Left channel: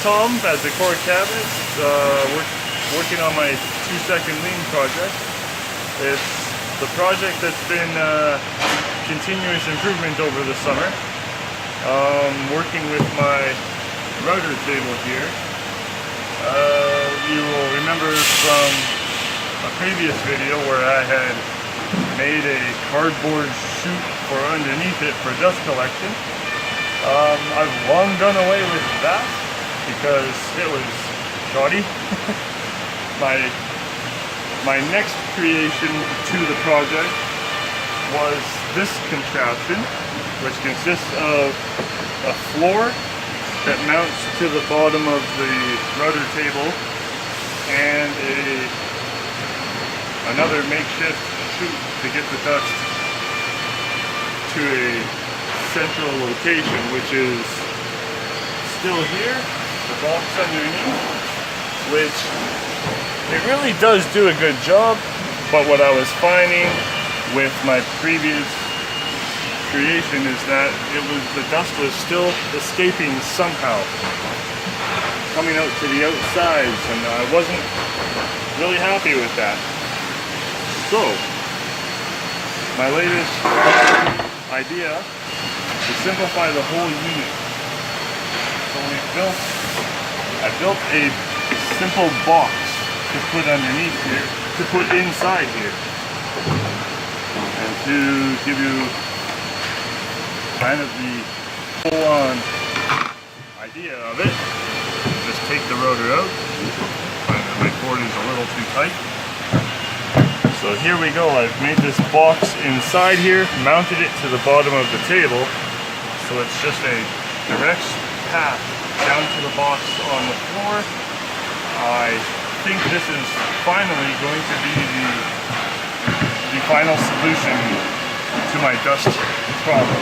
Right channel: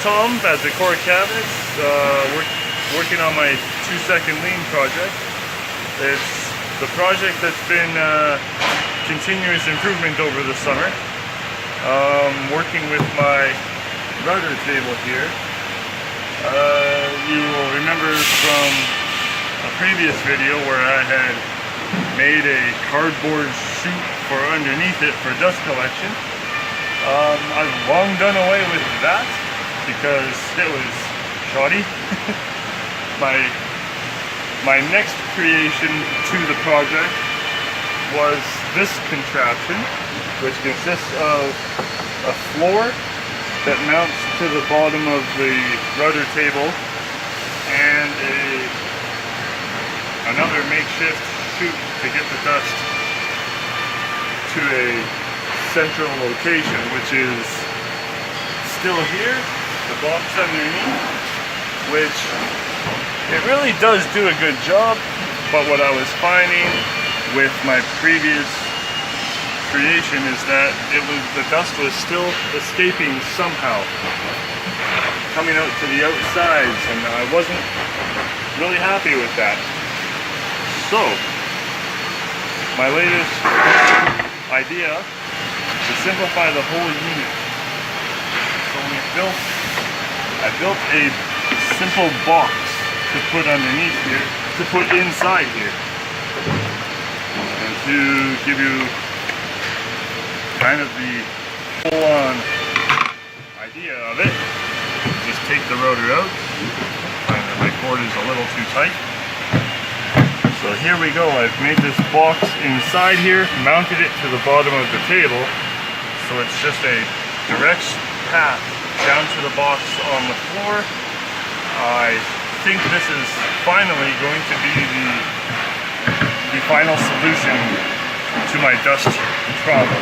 Tom at Decor Cabinets, working on my 2-second lean project. It's the project that's been continuous improvement over the summer. Working with my router table here. You will remember from a previous video where I had made a cardboard chute for underneath it for dust collection. I've long done away with that because it was shoddy. My next creation to the project was this contraption, which consists of a floor that mounts to the bottom of the router table and another makeshift chute to get the dust to a central location, which is still here, the box underneath, which it really does do a good job. But what I was finding with my previous creation is that the dust was still escaping somehow, coming out to the outsides, and I wasn't really happy with that. So my latest idea to simplify the whole unit. So I built a simple box to put underneath here, to put inside here, and to give you kind of the full-on idea of it. Just take the rotor out. Find that my cord is a little too tight. So here we go. I've made this box inside here, mounted it to the bottom of the table, so it's just a direct path down to the box on the floor. I think this is finally going to be the final solution to my dust problem.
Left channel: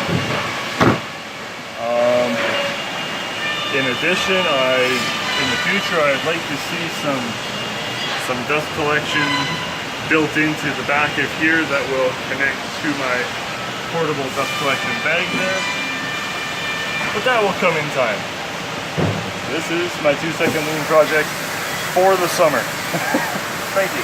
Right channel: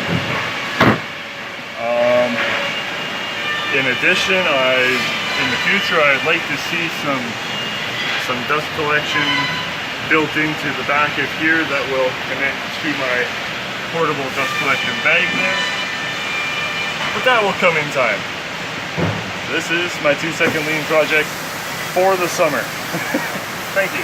In addition, in the future, I'd like to see some dust collection built into the back of here that will connect to my portable dust collection bag there. But that will come in time. This is my 2-second lean project for the summer. Thank you.